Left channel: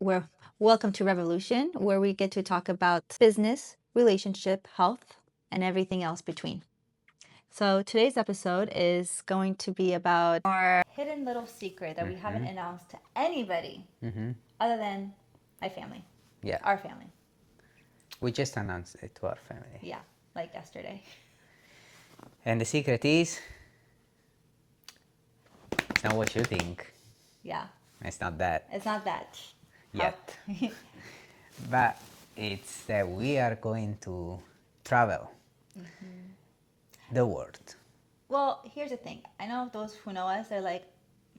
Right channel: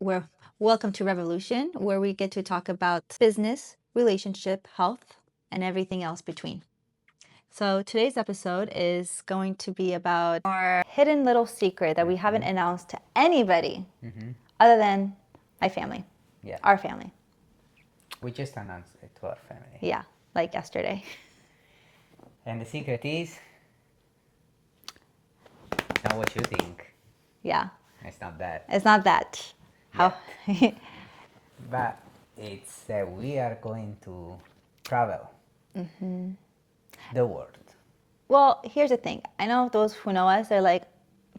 where welcome to Revolution, where we get to talk about business, relationship, health, and everything else between. So today's episode is going to be about our hidden little secret that we haven't announced to anybody other than my family, Yeah, our family. we just announced it to our family. Yeah, like yesterday. And the secret is, it's not what you think. Yeah, It's not that. it's not that. How? But it's that we are going to travel the world. Well, here's the thing. I know those who know us, they're like,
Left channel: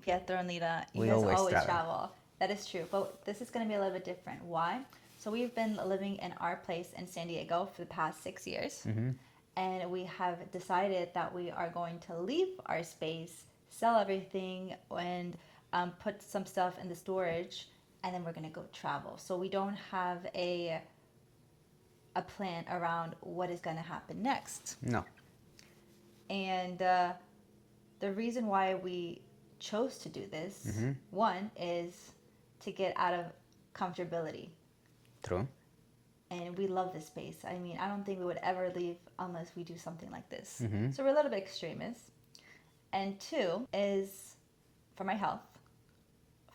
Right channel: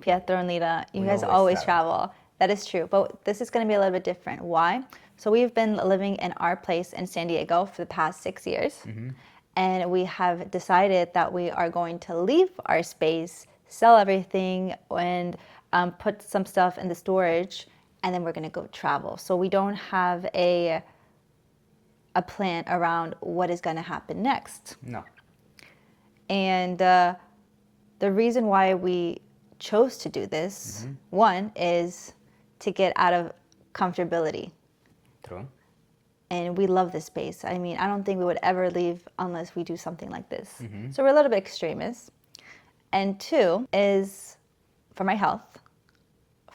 Pietro and Lyda, you We guys always always travel. travel. That is true. But this is going to be a little bit different. Why? So we've been living in our place in San Diego for the past 6 years. And we have decided that we are going to leave our space, sell everything, and put some stuff in the storage. And then we're going to go travel. So we don't have a plan around what is going to happen next. No. And the reason why we chose to do this, one, is to get out of comfortability. True. And we love this space. I mean, I don't think we would ever leave unless we do something like this. So we're a little bit extremists. And two is for my health.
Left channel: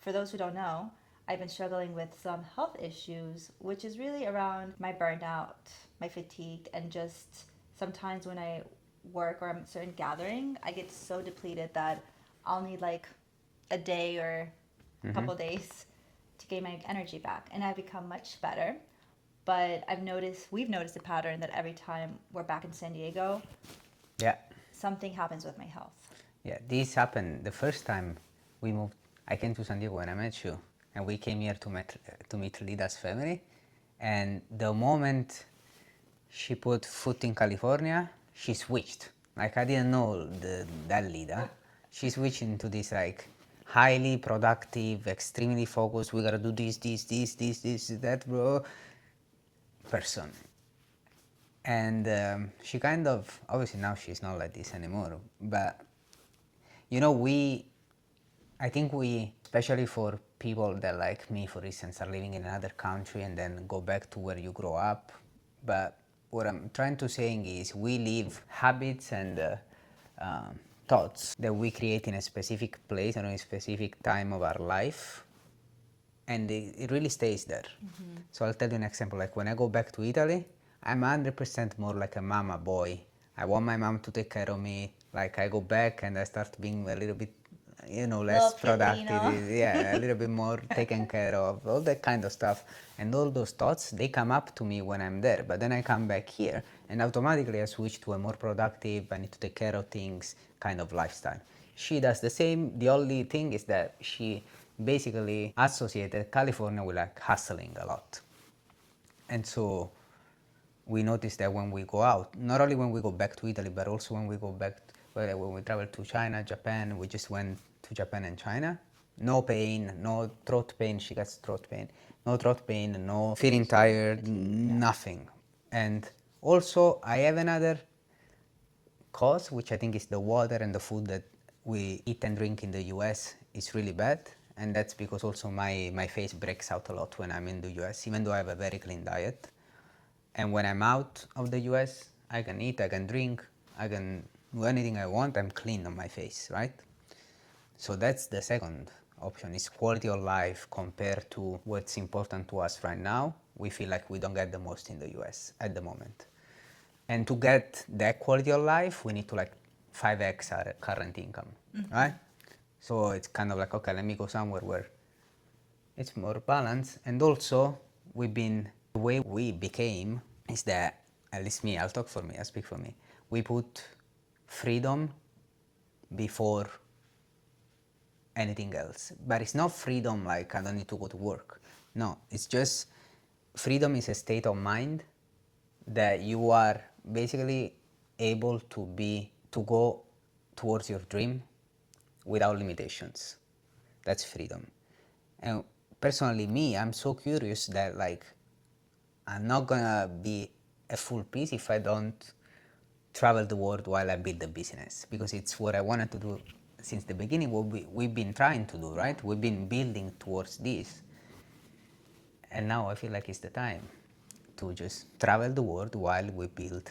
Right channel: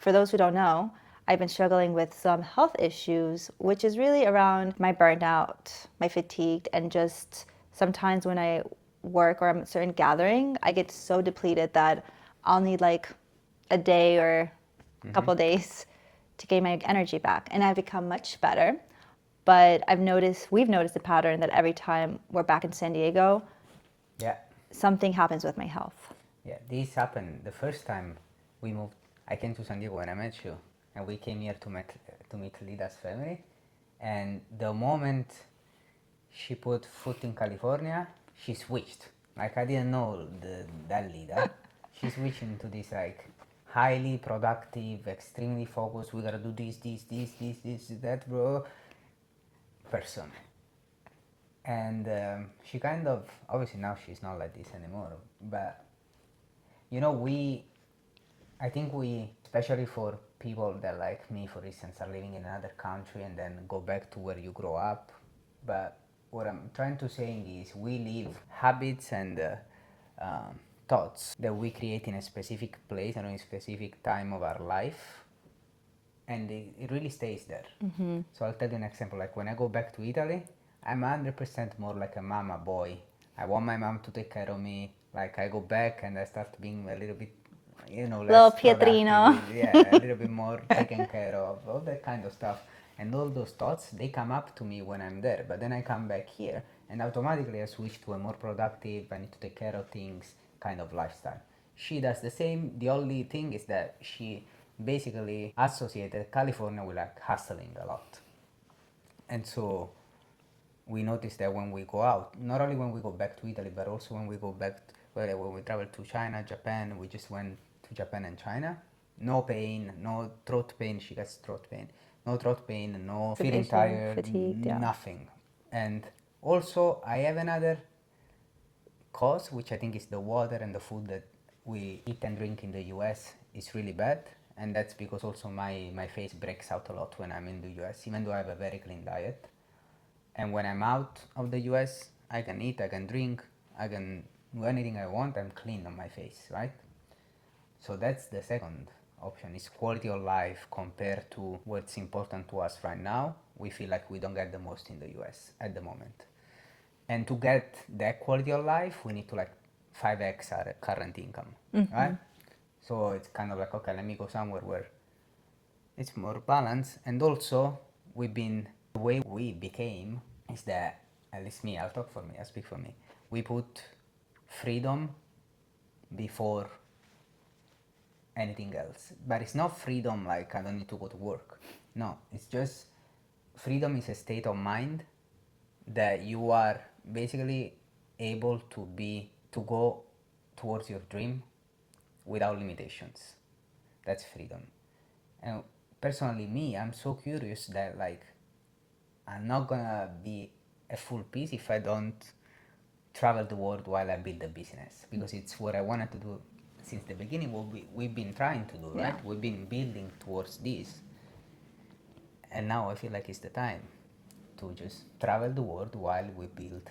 For those who don't know, I've been struggling with some health issues, which is really around my burnout, my fatigue, and just sometimes when I work or I'm at a certain gathering, I get so depleted that I'll need like a day or a couple of days to gain my energy back. And I've become much better. But we've noticed a pattern that every time we're back in San Diego, Yeah. something happens with my health. Yeah, this happened the first time we moved. I came to San Diego when I met you, and we came here to meet Lyda's family. And the moment she put foot in California, she switched. Like I didn't know that Lyda. She switched into this like highly productive, extremely focused. We gotta do this, that, bro. Person. And she kind of, obviously now she's not like this anymore, but you know, I think we, especially for people that like me, for instance, are living in another country and then go back to where you grow up. But what I'm trying to say is we live habits and thoughts that we create in a specific place or in a specific time of our life. And it really stays there. So I'll tell you an example. Like when I go back to Italy, I'm 100% more like a mama boy. I want my mom to take care of me. Like I go back and I start being a little bit, Little less Pietrino. productive. Yeah, a little bit more taken care of, all that kind of stuff. And all those thoughts, they come up to me when I'm there. But then I come back here and automatically I switch to a more productive, I need to take care of things kind of lifestyle. She does the same. The only thing is that she basically associated California with like hustling a lot. And so we noticed that when we go out, not only when we go back to Italy, but also when we go back, when we travel to China, Japan, we just went to Japan and China. No pain, no throat pain, she gets throat pain. No throat pain, no feeling tired, fatigued, yeah. nothing. And also, I have another cause, which I think is the water and the food that we eat and drink in the US is really bad. And that's because also my face breaks out a lot when I'm in the US, even though I have a very clean diet. And when I'm out of the US, I can eat, I can drink, I can do anything I want, I'm clean on my face, right? So that's the second option, is quality of life compared to what's important to us right now. We feel like we don't get the most in the US at the moment. And to get that quality of life, we need to like 5x our current income, right? So it's kind of like, okay, let me go somewhere where it's more balanced. And also, the way we became is that, at least me, I'll talk for me, I'll speak for me. We put freedom before anything else. But it's not freedom like I don't need to go to work. No, it's just freedom is a state of mind that you are basically able to go towards your dream without limitations. That's freedom. And personally, me, I'm so curious that like I'm not gonna be a full piece if I don't travel the world while I build the business, because it's what I wanted to do since the beginning. What we've been trying to do, right? We've been building towards this. And now I feel like it's the time to just travel the world while we build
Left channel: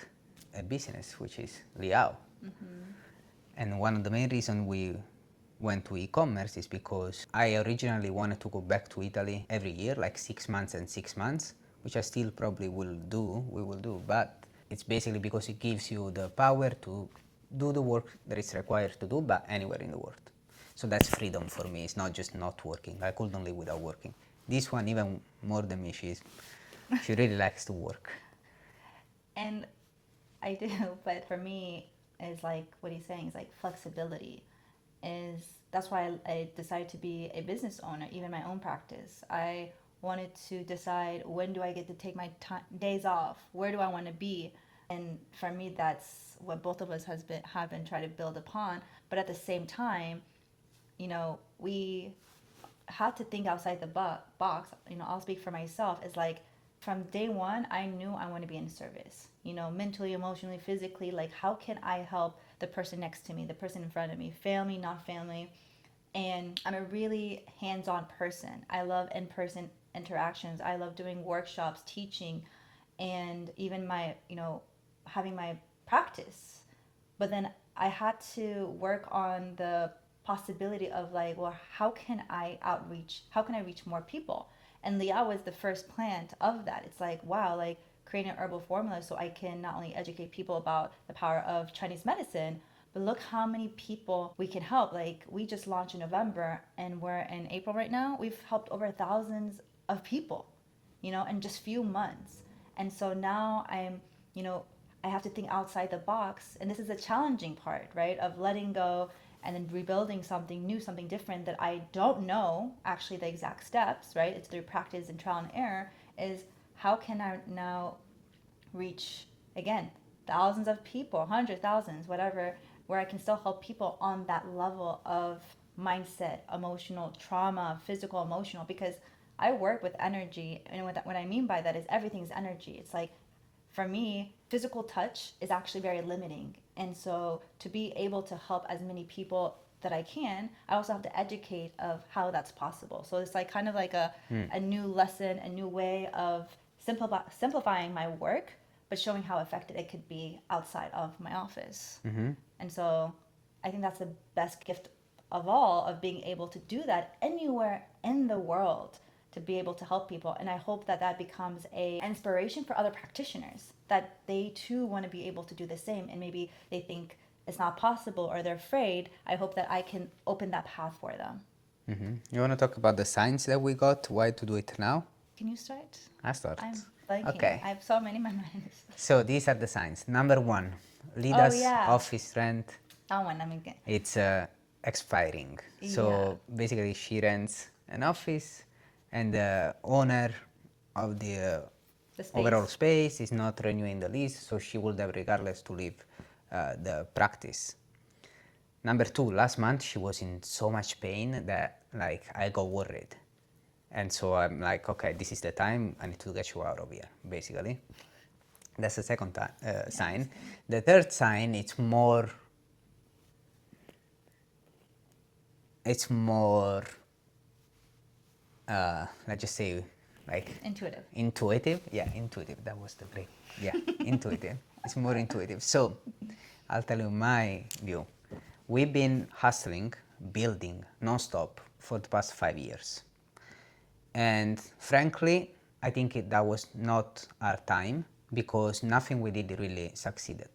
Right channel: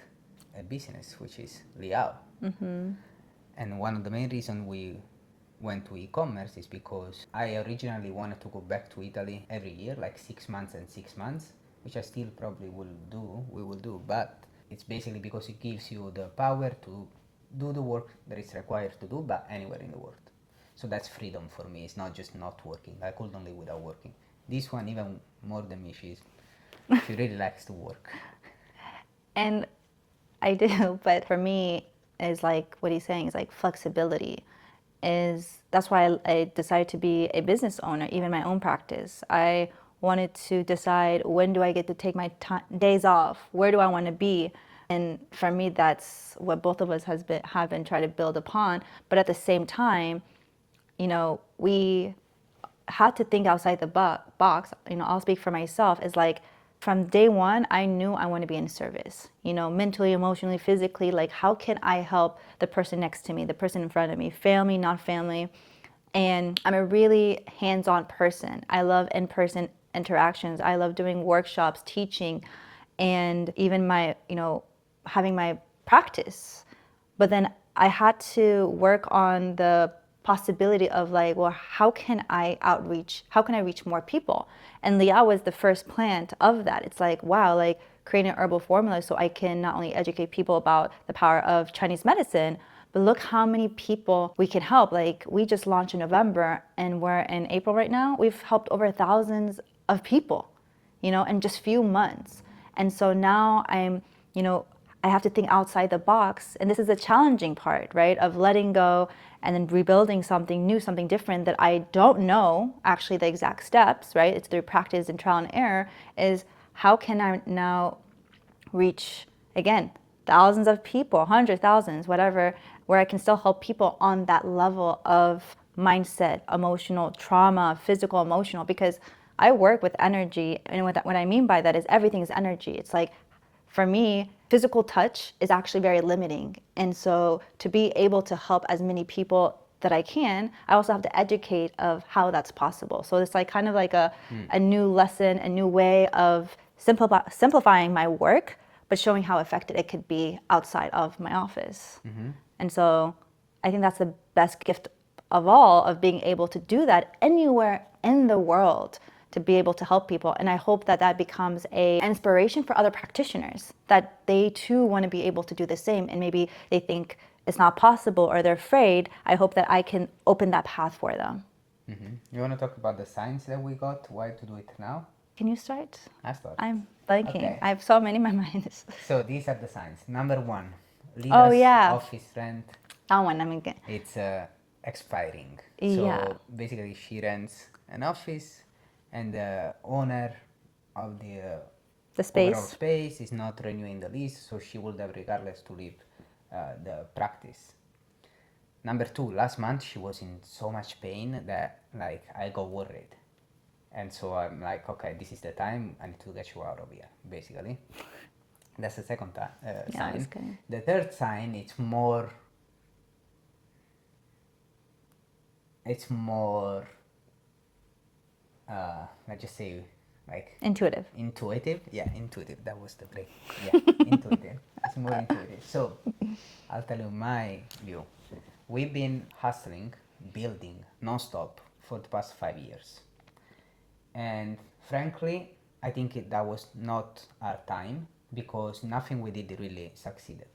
a business, which is LIAO. And one of the main reasons we went to e-commerce is because I originally wanted to go back to Italy every year, like 6 months and 6 months, which I still probably we will do, but it's basically because it gives you the power to do the work that is required to do, but anywhere in the world. So that's freedom for me. It's not just not working. I couldn't live without working. This one, even more than me, she really likes to work. And I do, but for me, is like what he's saying is like flexibility. That's why I decided to be a business owner, even my own practice. I wanted to decide, when do I get to take my days off? Where do I want to be? And for me, that's what both of us have been trying to build upon. But at the same time, you know, we had to think outside the box. You know, I'll speak for myself. Is like, from day one, I knew I want to be in service. You know, mentally, emotionally, physically. Like, how can I help the person next to me, the person in front of me, family, not family? And I'm a really hands-on person. I love in-person interactions. I love doing workshops, teaching, and even my, you know, having my practice. But then I had to work on the possibility of like, well, how can I outreach? How can I reach more people? And LIAO was the first plant of that. It's like, wow, like creating an herbal formula so I can not only educate people about the power of Chinese medicine, but look how many people we can help. Like, we just launched in November and we're in April right now. We've helped over thousands of people, you know, in just few months. And so now I'm, you know, I have to think outside the box. And this is a challenging part, right? Of letting go and then rebuilding something new, something different that I don't know actually the exact steps, right? It's through practice and trial and error. Is how can I now reach, again, thousands of people, hundreds, thousands, whatever, where I can still help people on that level of mindset, emotional trauma, physical, emotional, because I work with energy. And what I mean by that is everything is energy. It's like, for me, physical touch is actually very limiting. And so to be able to help as many people that I can, I also have to educate of how that's possible. So it's like kind of like a new lesson, a new way of simplifying my work, but showing how effective it could be outside of my office. And so I think that's the best gift of all, of being able to do that anywhere in the world, to be able to help people. And I hope that that becomes an inspiration for other practitioners, that they too want to be able to do the same. And maybe they think it's not possible or they're afraid. I hope that I can open that path for them. You want to talk about the signs that we got? Why to do it now? Can you start? I start. I'm blanking. Okay. I have so many in my mind. So these are the signs. Number one, Lyda's office rent. That one, I mean, It's expiring. So basically she rents an office and the owner of the space. Overall space is not renewing the lease, so she will have regardless to leave the practice. Number two, last month she was in so much pain that like I got worried. And so I'm like, okay, this is the time, I need to get you out of here, basically. That's the second sign. The third sign, it's more, let's just say, like intuitive. Yeah, intuitive. That was the break. Yeah, intuitive. It's more intuitive. So I'll tell you my view. We've been hustling, building non-stop for the past 5 years. And frankly, I think that was not our time, because nothing we did really succeeded.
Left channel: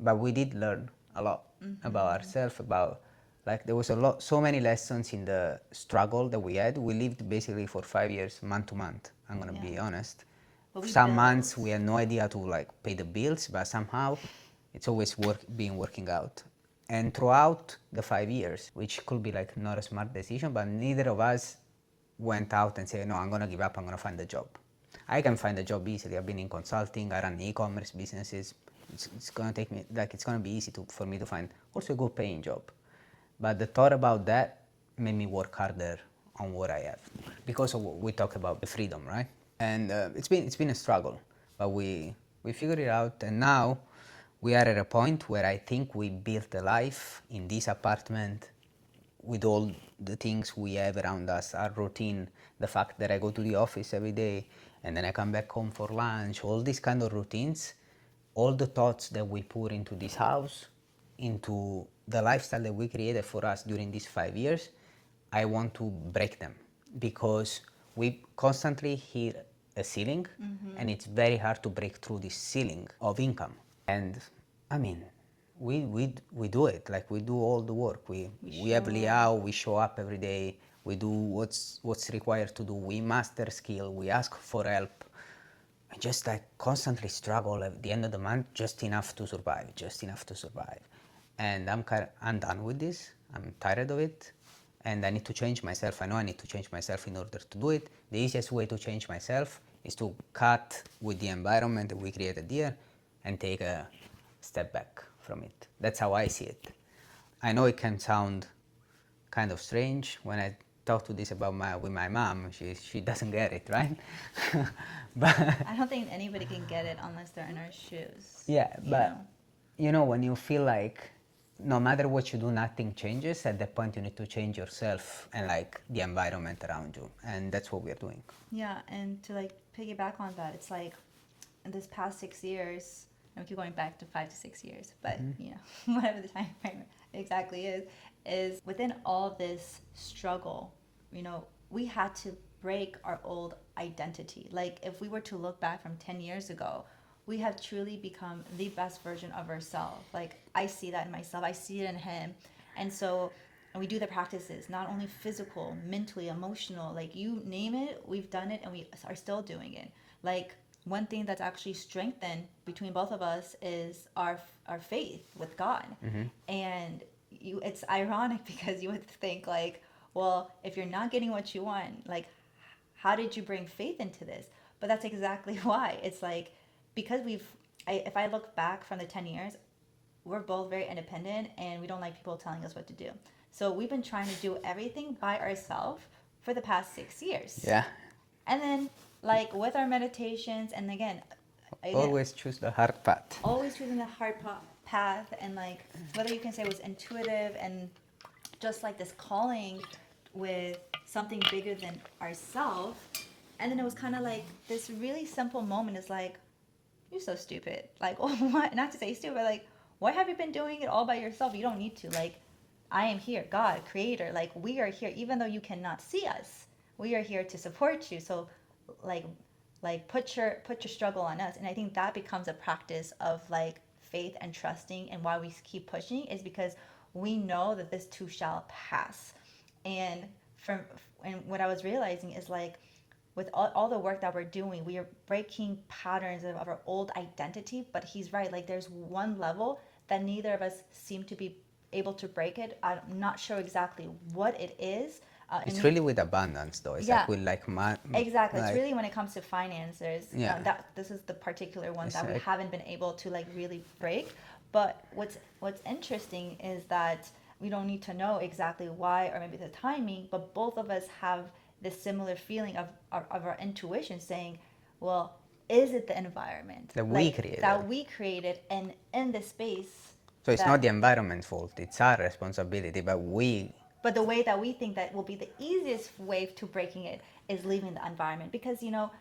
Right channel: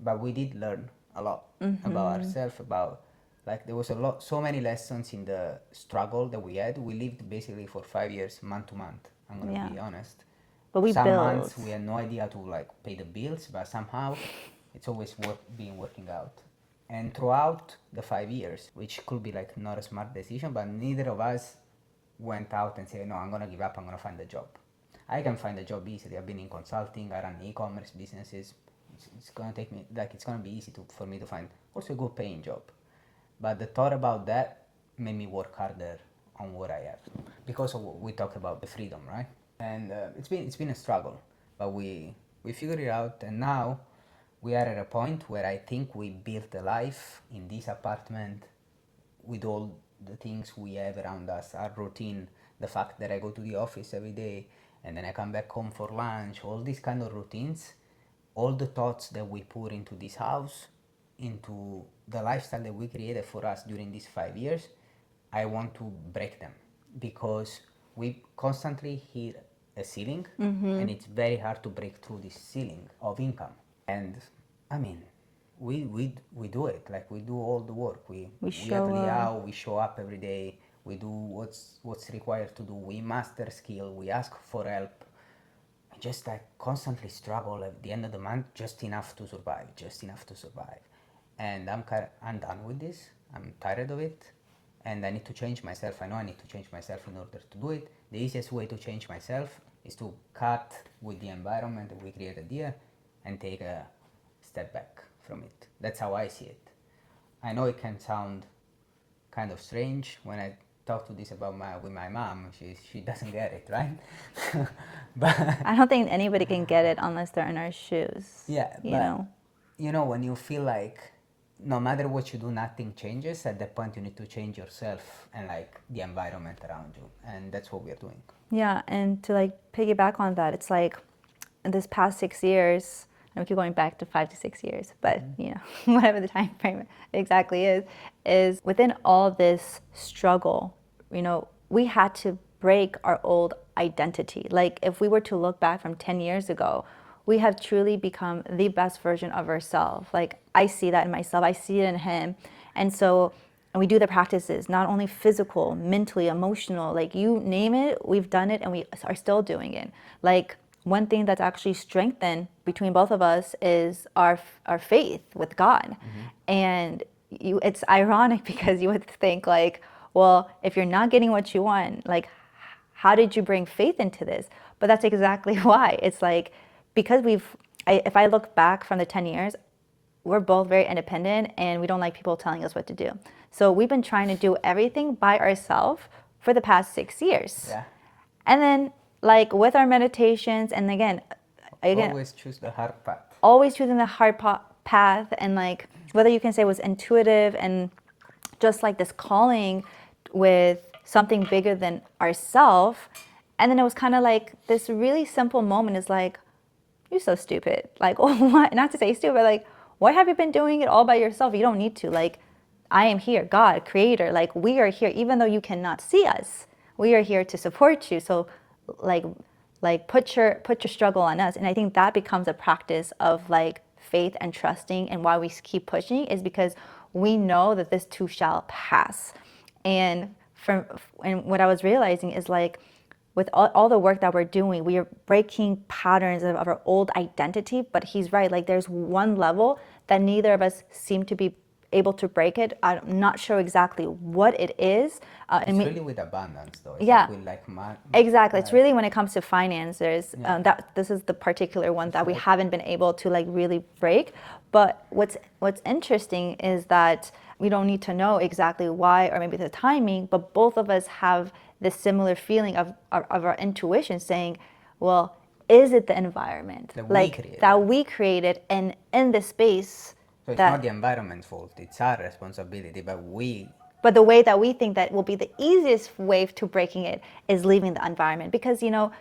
But we did learn a lot about ourselves, about like there was so many lessons in the struggle that we had. We lived basically for 5 years, month to month. I'm gonna be honest. But some months we had no idea to like pay the bills, but somehow it's always working out. And throughout the 5 years, which could be like not a smart decision, but neither of us went out and said, no, I'm gonna give up, I'm gonna find a job. I can find a job easily. I've been in consulting, I run e-commerce businesses. It's gonna take me, like it's gonna be easy for me to find also a good paying job. But the thought about that made me work harder on what I have, because we talk about the freedom, right? And it's been a struggle, but we figured it out, and now we are at a point where I think we built a life in this apartment with all the things we have around us, our routine the fact that I go to the office every day and then I come back home for lunch, all these kind of routines, all the thoughts that we put into this house, into the lifestyle that we created for us during these 5 years, I want to break them because we constantly hit a ceiling and it's very hard to break through this ceiling of income. And I mean, we do it, like we do all the work. We have LIAO, we show up every day, we do what's required to do, we master skill, we ask for help. I just like constantly struggle at the end of the month, just enough to survive. And I'm done with this. I'm tired of it, and I need to change myself. I know I need to change myself in order to do it. The easiest way to change myself is to cut with the environment that we created here and take a step back from it. That's how I see it. I know it can sound kind of strange when I talk to this about with my mom. She doesn't get it, right? But I don't think anybody can get it unless they're in our shoes. yeah, you know, when you feel like no matter what you do, nothing changes, at that point you need to change yourself and like the environment around you, and that's what we're doing. Yeah, and to like piggyback on that, it's like in this past 6 years, and we keep going back to 5 to 6 years, but you know, whatever the time frame exactly is within all this struggle, you know, we had to break our old identity. Like if we were to look back from 10 years ago, we have truly become the best version of ourselves. Like I see that in myself, I see it in him. And we do the practices, not only physical, mentally, emotional, like you name it, we've done it and we are still doing it. Like one thing that's actually strengthened between both of us is our faith with God. And it's ironic because you would think like, well, if you're not getting what you want, like how did you bring faith into this? But that's exactly why. It's like, because if I look back from the 10 years, we're both very independent and we don't like people telling us what to do. So we've been trying to do everything by ourselves for the past 6 years. Yeah. And then like with our meditations, and again, always choose the hard path. Always choosing the hard path, and like whether you can say it was intuitive and just like this calling with something bigger than ourselves. And then it was kind of like this really simple moment is like, you're so stupid. Like, oh, what? Not to say stupid, but like, why have you been doing it all by yourself? You don't need to. Like, I am here, God, creator. Like, we are here, even though you cannot see us. We are here to support you. So, like put your struggle on us. And I think that becomes a practice of like faith and trusting. And why we keep pushing is because we know that this too shall pass. And what I was realizing is like, with all the work that we're doing, we are breaking patterns of our old identity. But he's right, like there's one level that neither of us seem to be able to break it. I'm not sure exactly what it is. It's really with abundance though. It's yeah. Like with exactly. It's really when it comes to finances. Yeah. This is the particular one that we haven't been able to like really break. But what's interesting is that we don't need to know exactly why or maybe the timing, but both of us have this similar feeling of our intuition saying, well, is it the environment that we created and in this space? So it's not the environment's fault, it's our responsibility, but the way that we think that will be the easiest way to breaking it is leaving the environment. Because, you know,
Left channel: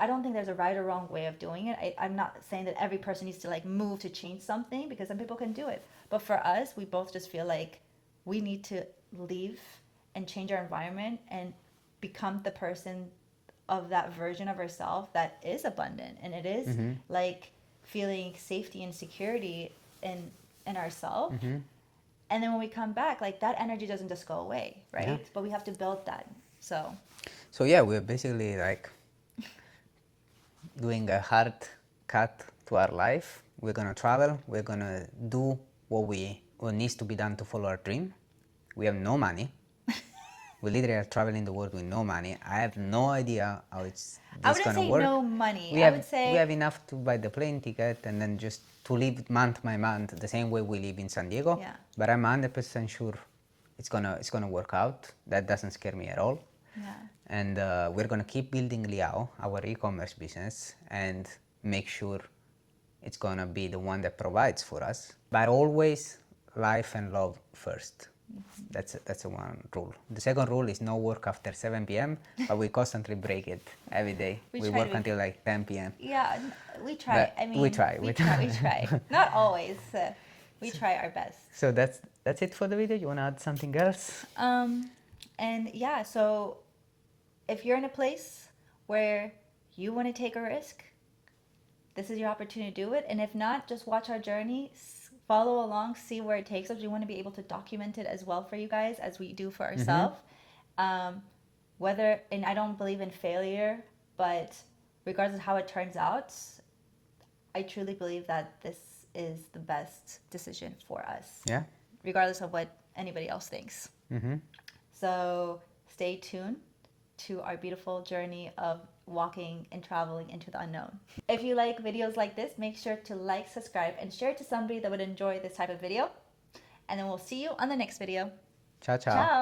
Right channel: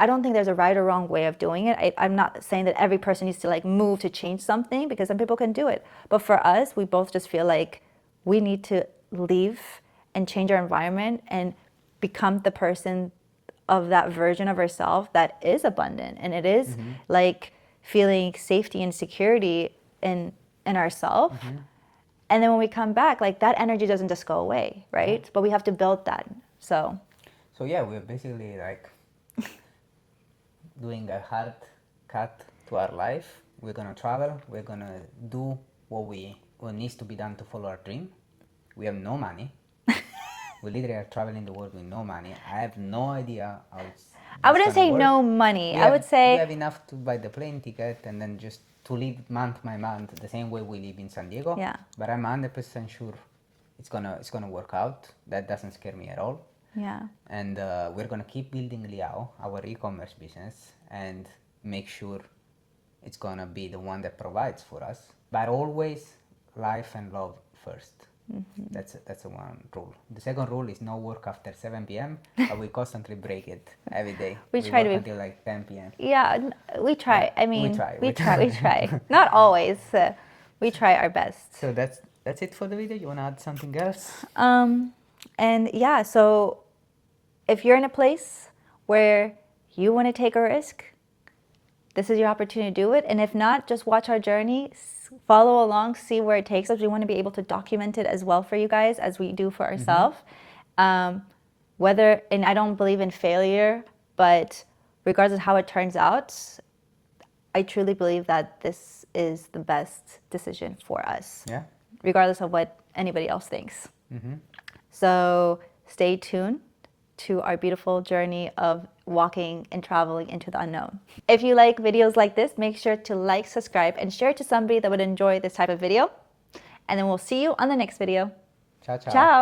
I don't think there's a right or wrong way of doing it. I'm not saying that every person needs to like move to change something, because some people can do it. But for us, we both just feel like we need to leave and change our environment and become the person of that version of ourselves that is abundant. And it is like feeling safety and security in ourselves. And then when we come back, like that energy doesn't just go away, right? Yeah. But we have to build that. So yeah, we're basically like doing a hard cut to our life. We're gonna travel. We're gonna do what needs to be done to follow our dream. We have no money. We literally are traveling the world with no money. I have no idea how it's. I wouldn't say work. No money. I would say we have enough to buy the plane ticket and then just to live month by month the same way we live in San Diego. Yeah. But I'm 100% sure it's gonna work out. That doesn't scare me at all. Yeah. And we're gonna keep building LIAO, our e-commerce business, and make sure it's gonna be the one that provides for us. But always life and love first. That's a one rule. The second rule is no work after 7 p.m. But we constantly break it every day. We try work to- until like 10 p.m. Yeah, we try. But I mean, we try. We try. Not always. We try our best. So that's it for the video. You wanna add something else? And yeah, so if you're in a place where you want to take a risk, this is your opportunity to do it. And if not, just watch our journey, follow along, see where it takes us. We want to be able to document it as well for you guys as we do for ourselves. And I don't believe in failure, but regardless of how it turns out, I truly believe that this is the best decision for us. Yeah. Regardless of what anybody else thinks. So stay tuned to our beautiful journey of walking and traveling into the unknown. If you like videos like this, make sure to like, subscribe, and share it to somebody that would enjoy this type of video. And then we'll see you on the next video. Ciao, ciao. Ciao.